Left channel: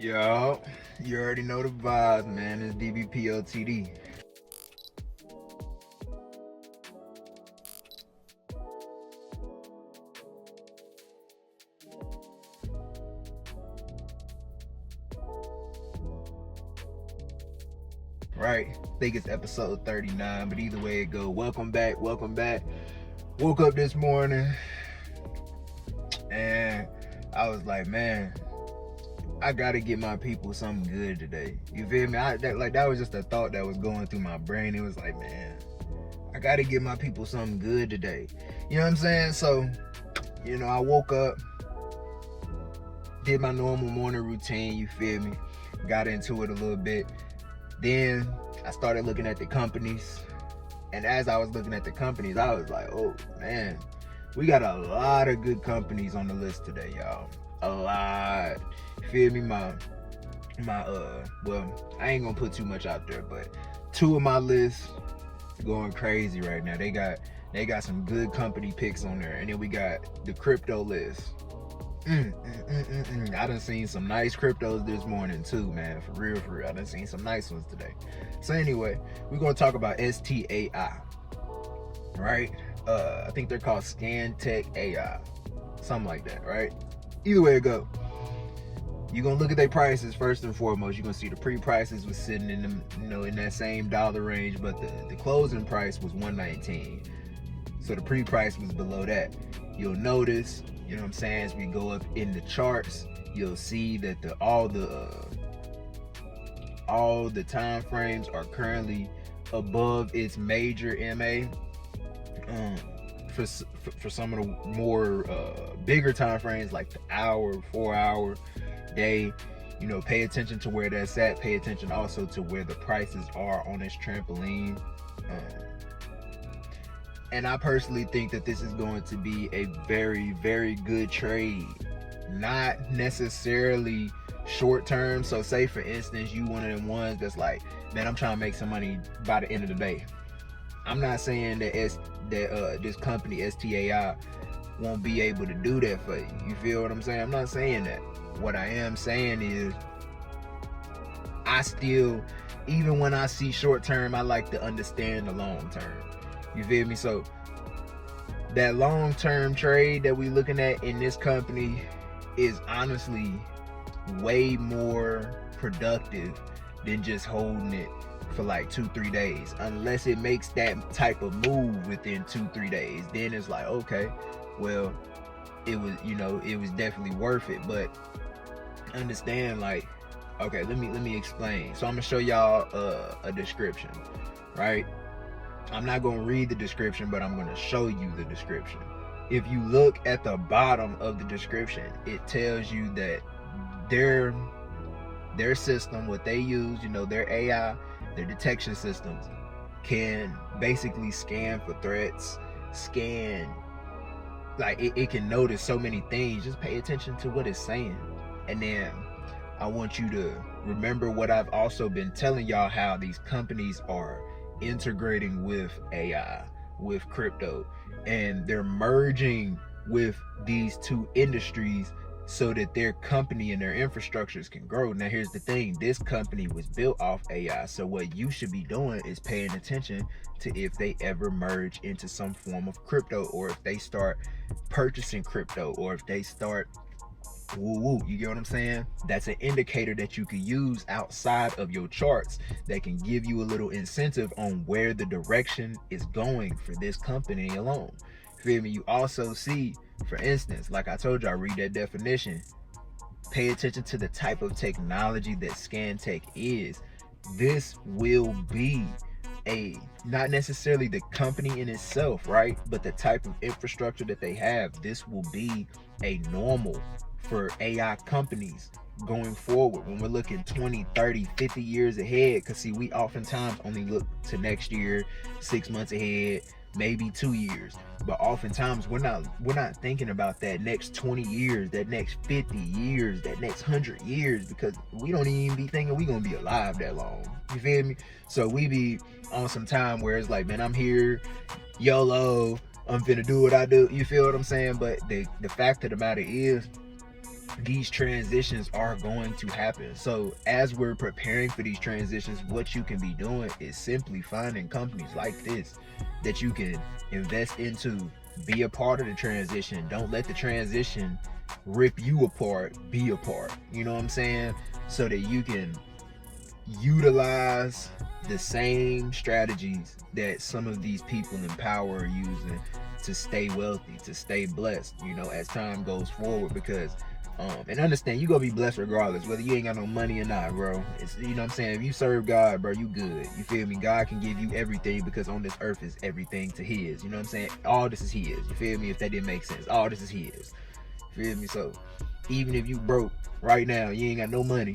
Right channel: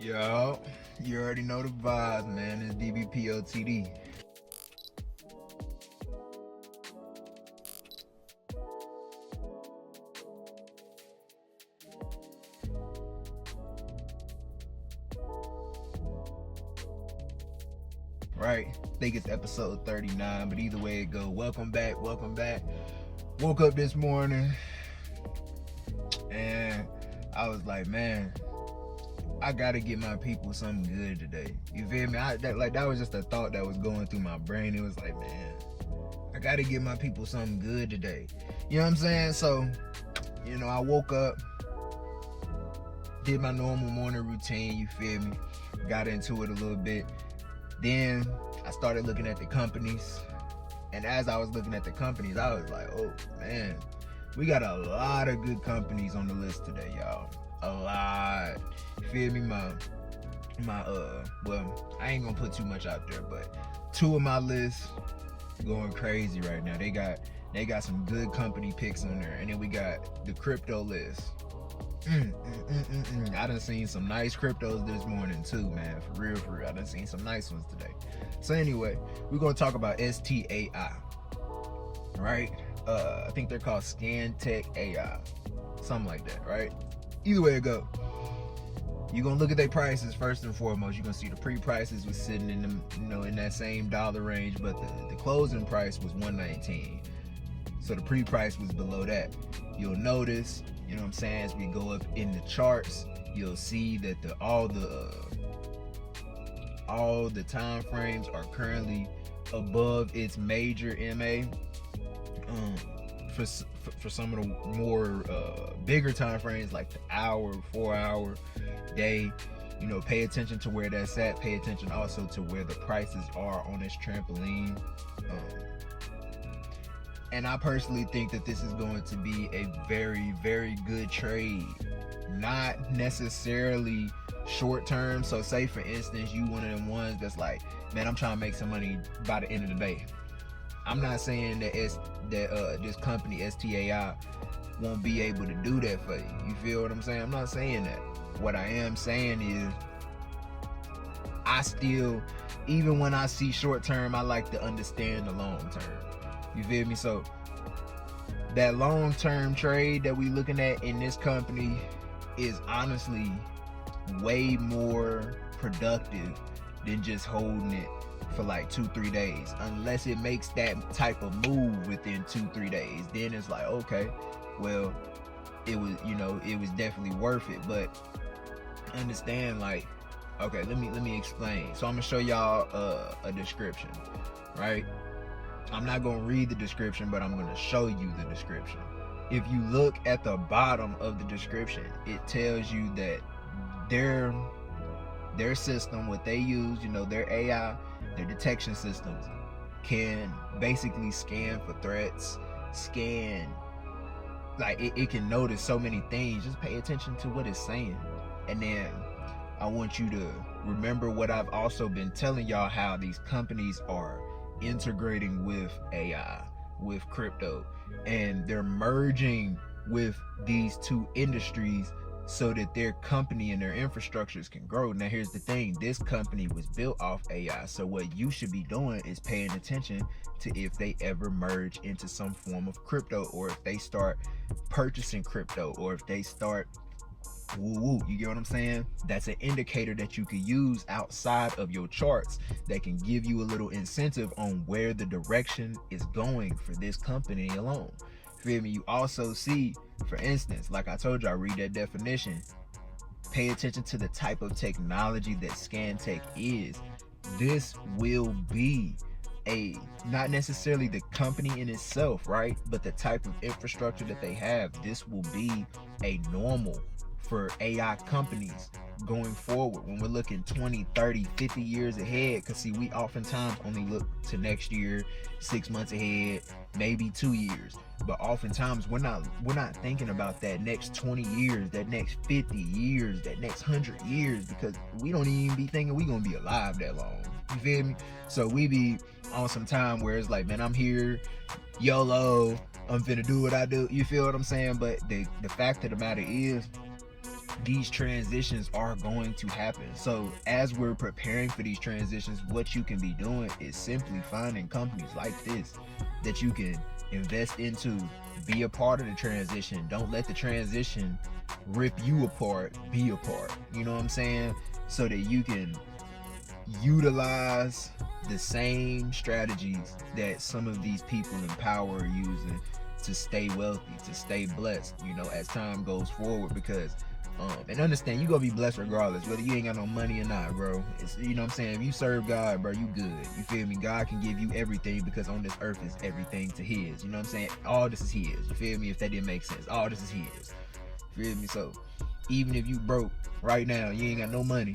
Yo, you already know the vibe, man. It's DBPOTD. Right, I think it's episode 39, but either way it go, welcome back. Woke up this morning and I was like, man, I gotta get my people something good today. You feel me? That was just a thought that was going through my brain. It was like, man, I gotta get my people something good today. You know what I'm saying? So, I woke up, did my normal morning routine, you feel me? Got into it a little bit. Then I started looking at the companies. And as I was looking at the companies, I was like, oh man, we got a lot of good companies on the list today, y'all. A lot. Feel me? Well, I ain't gonna put too much out there, but two of my lists going crazy right now. They got some good company picks on there, and then we got the crypto list. I done seen some nice cryptos this morning too, man. For real. I done seen some nice ones today. So anyway, we're gonna talk about STAI, right? I think they're called Scantech AI, something like that, right? Either way it go, you're gonna look at their prices first and foremost. You're gonna see the pre-prices was sitting in the, in that same dollar range, but the closing price was $119. So the pre-price was below that. You'll notice, you know what I'm saying, as we go up in the charts, you'll see that all the time frames are currently above its major MA. For some of the more bigger time frames, like the hour, 4 hour, day, pay attention to where that's at. Pay attention also to where the prices are on this trampoline. And I personally think that this is going to be a very, very good trade. Not necessarily short term. So say for instance, you one of them ones that's like, man, I'm trying to make some money by the end of the day. I'm not saying that this company STAI won't be able to do that for you. You feel what I'm saying? I'm not saying that. What I am saying is, I still, even when I see short term, I like to understand the long term. You feel me? So that long term trade that we looking at in this company is honestly way more productive than just holding it for like 2-3 days, unless it makes that type of move within 2-3 days. Then it's like, okay, well, it was definitely worth it. But understand, like, okay, let me explain. So I'm gonna show y'all a description, right? I'm not gonna read the description, but I'm gonna show you the description. If you look at the bottom of the description, it tells you that their system, what they use, their AI, their detection systems, can basically scan for threats, like it can notice so many things. Just pay attention to what it's saying. And then I want you to remember what I've also been telling y'all, how these companies are integrating with AI, with crypto, and they're merging with these two industries so that their company and their infrastructures can grow. Now here's the thing, this company was built off AI, so what you should be doing is paying attention to if they ever merge into some form of crypto, or if they start purchasing crypto, or if they start you get what I'm saying? That's an indicator that you could use outside of your charts that can give you a little incentive on where the direction is going for this company alone. Feel me? You also see, for instance, like I told you, I read that definition. Pay attention to the type of technology that Scantech is. This will be not necessarily the company in itself, right? But the type of infrastructure that they have. This will be a normal for AI companies going forward when we're looking 20, 30, 50 years ahead. Because see, we oftentimes only look to next year, 6 months ahead, maybe 2 years. But oftentimes we're not thinking about that next 20 years, that next 50 years, that next 100 years, because we don't even be thinking we're gonna be alive that long. You feel me? So we be on some time where it's like, man, I'm here, YOLO, I'm finna do what I do. You feel what I'm saying? But the fact of the matter is, these transitions are going to happen. So as we're preparing for these transitions, what you can be doing is simply finding companies like this that you can invest into, be a part of the transition. Don't let the transition rip you apart, be a part. You know what I'm saying? So that you can utilize the same strategies that some of these people in power are using to stay wealthy, to stay blessed, you know, as time goes forward. Because and understand, you gonna be blessed regardless, whether you ain't got no money or not, bro. It's, you know what I'm saying, if you serve God, bro, you good. You feel me? God can give you everything, because on this earth is everything to his. You know what I'm saying? All this is his. You feel me? If that didn't make sense, all this is his. You feel me? So even if you broke right now, you ain't got no money,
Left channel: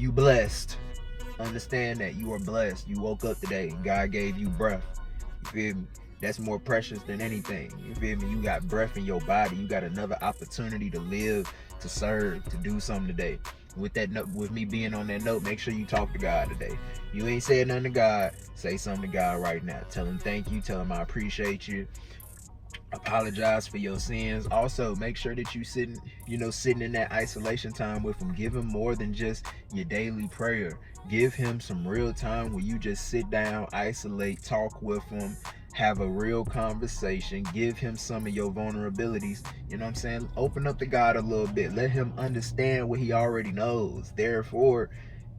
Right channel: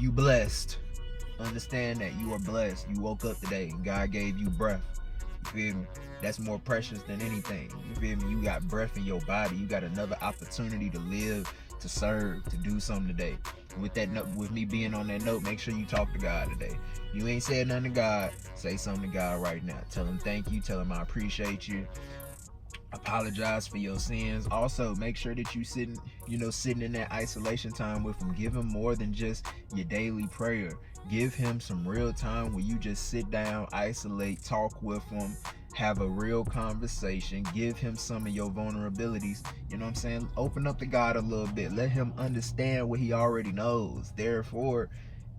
you blessed. Understand that you are blessed. You woke up today and God gave you breath. You feel me? That's more precious than anything. You feel me? You got breath in your body. You got another opportunity to live, to serve, to do something today. With that note, with me being on that note, make sure you talk to God today. You ain't said nothing to God, say something to God right now. Tell him thank you. Tell him I appreciate you. Apologize for your sins. Also, make sure that you sitting in that isolation time with him. Give him more than just your daily prayer. Give him some real time where you just sit down, isolate, talk with him, have a real conversation. Give him some of your vulnerabilities. You know what I'm saying? Open up to God a little bit. Let him understand what he already knows. Therefore,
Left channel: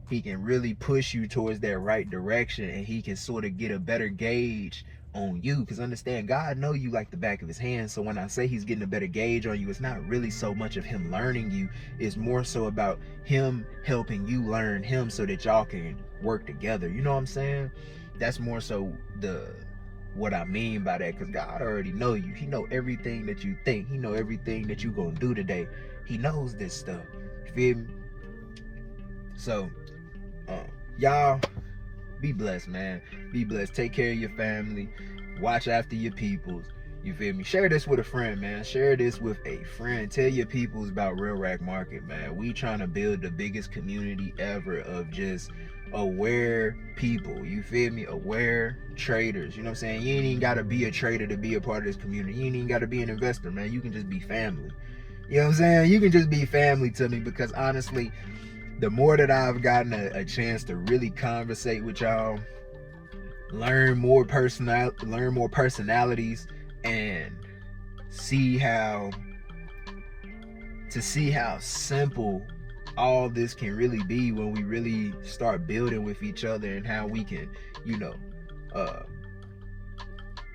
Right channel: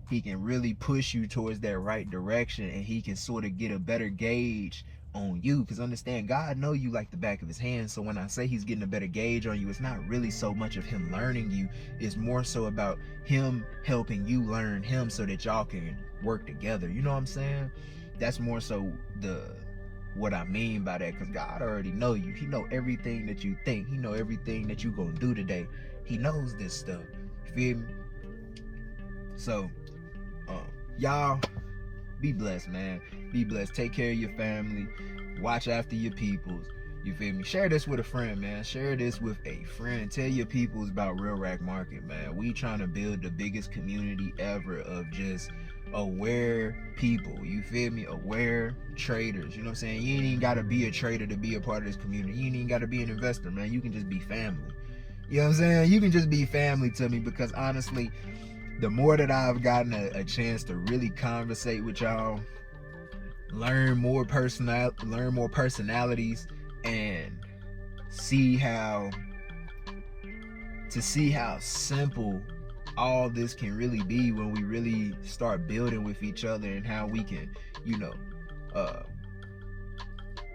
he can really push you towards that right direction, and he can sort of get a better gauge on you. Because understand, God know you like the back of his hand. So when I say he's getting a better gauge on you, it's not really so much of him learning you. It's more so about him helping you learn him, so that y'all can work together. You know what I'm saying? That's more so what I mean by that, because God already know you. He know everything that you think. He know everything that you gonna do today. He knows this stuff. You feel me? So y'all be blessed, man. Be blessed. Take care of your family. Watch after your peoples. You feel me? Share this with a friend, man. Share this with a friend. Tell your peoples about Real Rack Market, man. We trying to build the biggest community ever of just aware people. You feel me? Aware traders. You know what I'm saying? You ain't even got to be a trader to be a part of this community. You ain't even got to be an investor, man. You can just be family. You know what I'm saying? You can just be family to me, because honestly, the more that I've gotten a chance to really conversate with y'all, learn more personalities, and see how simple all this can really be when we really start building with each other, and how we can,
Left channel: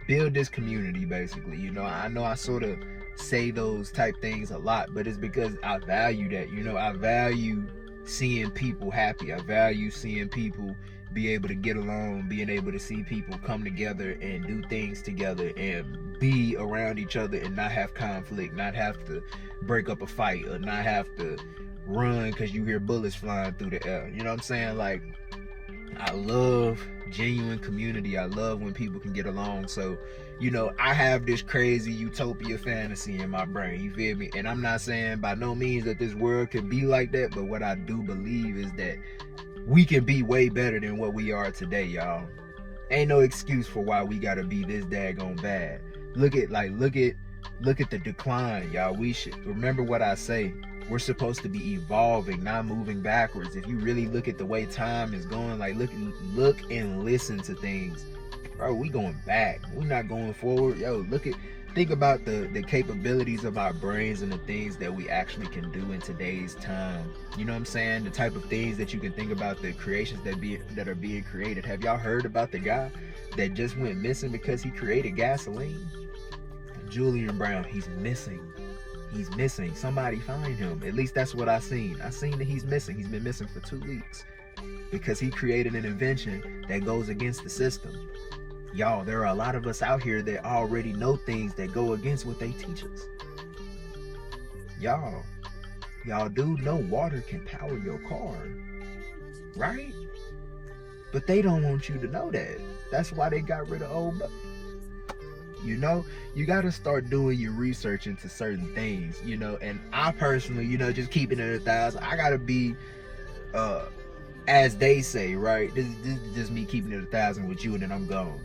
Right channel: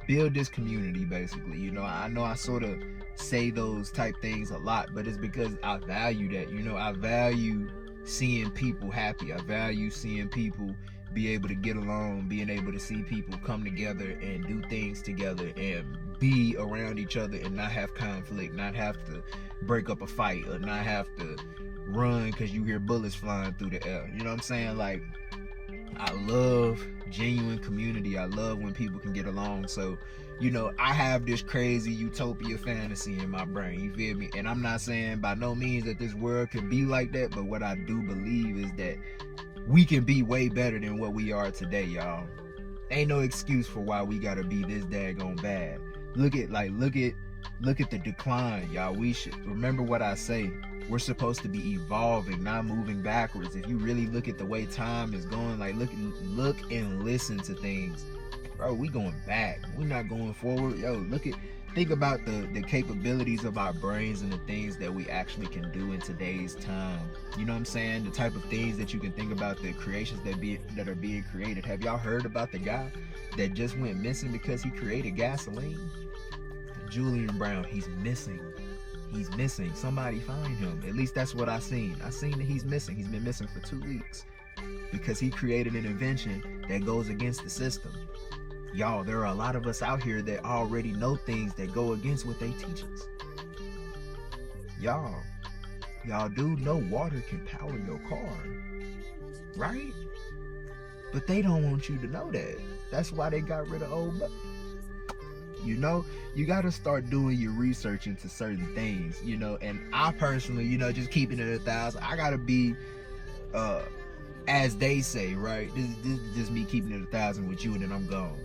build this community, basically. I know I sort of say those type things a lot, but it's because I value that. I value seeing people happy. I value seeing people be able to get along, being able to see people come together and do things together and be around each other and not have conflict, not have to break up a fight, or not have to run because you hear bullets flying through the air. You know what I'm saying? Like, I love genuine community. I love when people can get along. So, I have this crazy utopia fantasy in my brain. You feel me? And I'm not saying by no means that this world can be like that, but what I do believe is that we can be way better than what we are today, y'all. Ain't no excuse for why we gotta be this daggone bad. Look at the decline, y'all. We should remember what I say. We're supposed to be evolving, not moving backwards. If you really look at the way time is going, like look and listen to things, bro, we going back. We're not going forward. Yo, think about the capabilities of our brains and the things that we actually can do in today's time. You know what I'm saying? The type of things that you can think about, the creations that are being created. Have y'all heard about the guy that just went missing because he created gasoline? Julian Brown, he's missing. Somebody find him. At least that's what I seen. I seen that he's missing. He's been missing for 2 weeks because he created an invention that goes against the system. Y'all, there are a lot of us out here that already know things that go against what they teach us. Y'all do know water can power your car, right? But they don't want you to know that. That's why they got rid of old. You got to start doing your research into certain things, and I personally, just keeping it 1,000, I got to be, as they say, right? This is just me keeping it 1,000 with you, and then I'm gone.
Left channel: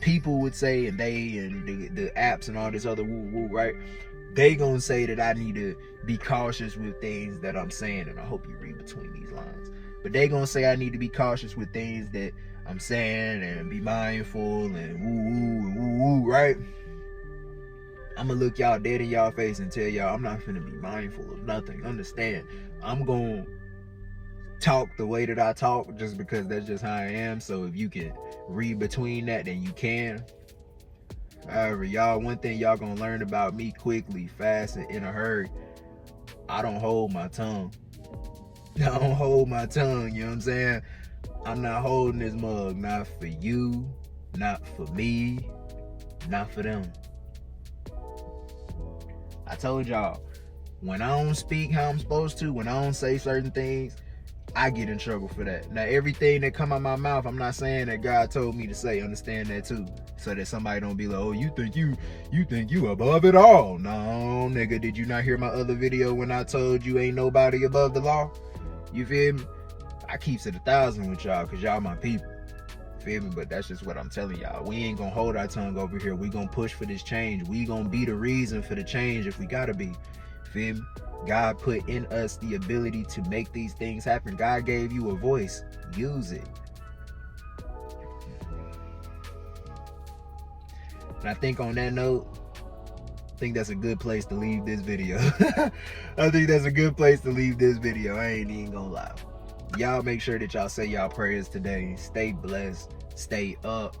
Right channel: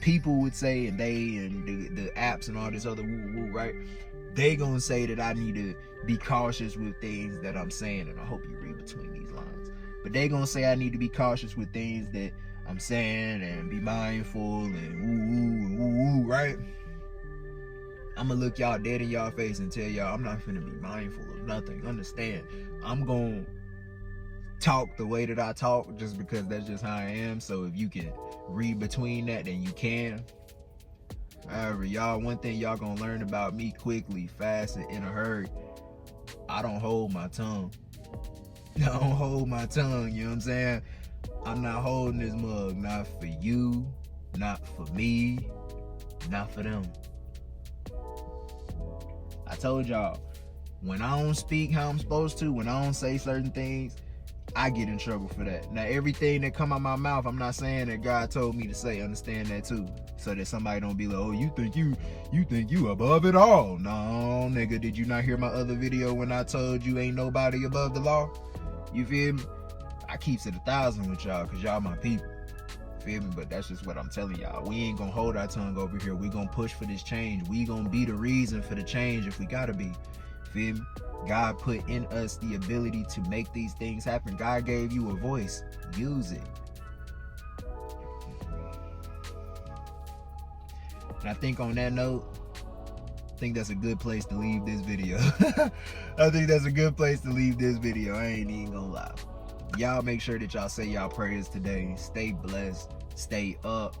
People would say, and the apps and all this other woo-woo, right? they gonna say that I need to be cautious with things that I'm saying, and I hope you read between these lines. But they gonna say I need to be cautious with things that I'm saying and be mindful and woo, right? I'm gonna look y'all dead in y'all face and tell y'all I'm not finna be mindful of nothing. Understand, I'm gonna talk the way that I talk just because that's just how I am. So if you can read between that, then you can. However, y'all, one thing y'all gonna learn about me quickly, fast, and in a hurry, I don't hold my tongue. I don't hold my tongue, you know what I'm saying? I'm not holding this mug, not for you, not for me, not for them. I told y'all, when I don't speak how I'm supposed to, when I don't say certain things, I get in trouble for that. Now, everything that come out my mouth, I'm not saying that God told me to say. Understand that too, so that somebody don't be like, oh, you think you above it all. No, nigga, did you not hear my other video when I told you ain't nobody above the law? You feel me? I keeps it 1,000 with y'all because y'all my people. Feel me? But that's just what I'm telling y'all. We ain't gonna hold our tongue over here. We gonna push for this change. We gonna be the reason for the change if we gotta be. Feel me? God put in us the ability to make these things happen. God gave you a voice. Use it. And I think on that note, I think that's a good place to leave this video. I think that's a good place to leave this video. I ain't even gonna lie. Y'all make sure that y'all say y'all prayers today. Stay blessed. Stay up.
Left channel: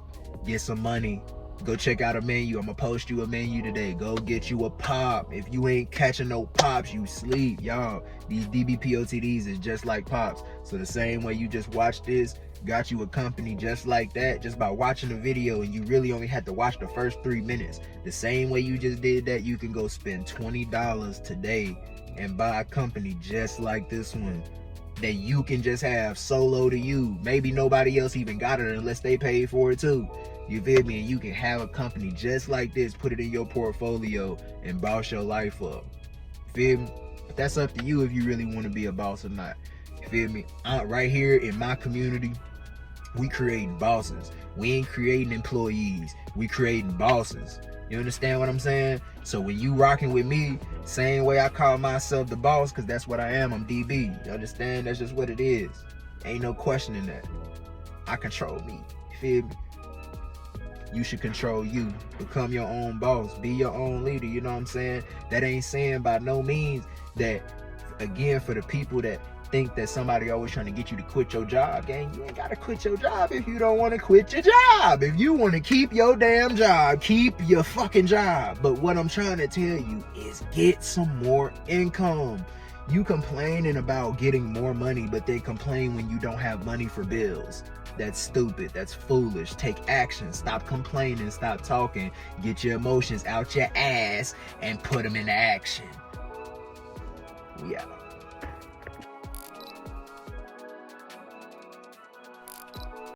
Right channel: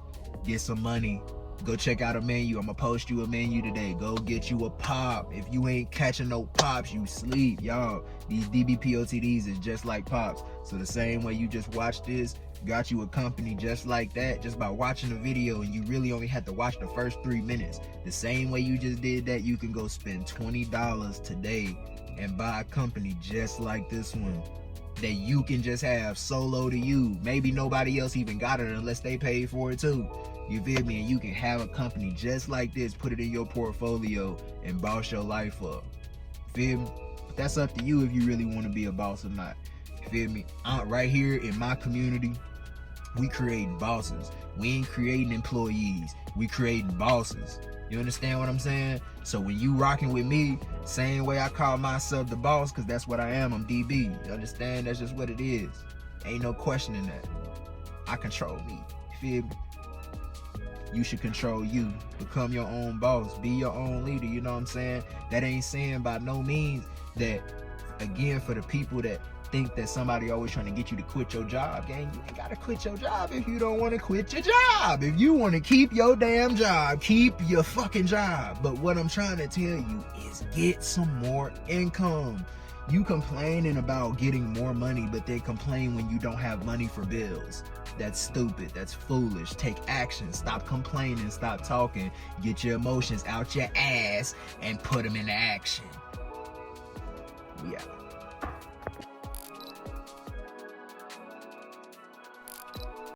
Get some money. Go check out a menu. I'm gonna post you a menu today. Go get you a pop. If you ain't catching no pops, you sleep, y'all. These DBPOTDs is just like pops. So the same way you just watched this, got you a company just like that, just by watching a video, and you really only had to watch the first 3 minutes. The same way you just did that, you can go spend $20 today and buy a company just like this one that you can just have solo to you. Maybe nobody else even got it unless they paid for it too. You feel me? And you can have a company just like this, put it in your portfolio, and boss your life up. Feel me? That's up to you if you really want to be a boss or not. Feel me? Right here in my community, we creating bosses. We ain't creating employees. We creating bosses. You understand what I'm saying? So when you rocking with me, same way I call myself the boss, because that's what I am. I'm DB. You understand? That's just what it is. Ain't no questioning that. I control me. Feel me? You should control you. Become your own boss. Be your own leader. You know what I'm saying? That ain't saying by no means that, again, for the people that think that somebody always trying to get you to quit your job, gang, you ain't gotta quit your job if you don't want to quit your job. If you want to keep your damn job, keep your fucking job. But what I'm trying to tell you is get some more income. You complaining about getting more money, but then complain when you don't have money for bills. That's stupid. That's foolish. Take action. Stop complaining. Stop talking. Get your emotions out your ass and put them into action. Yeah.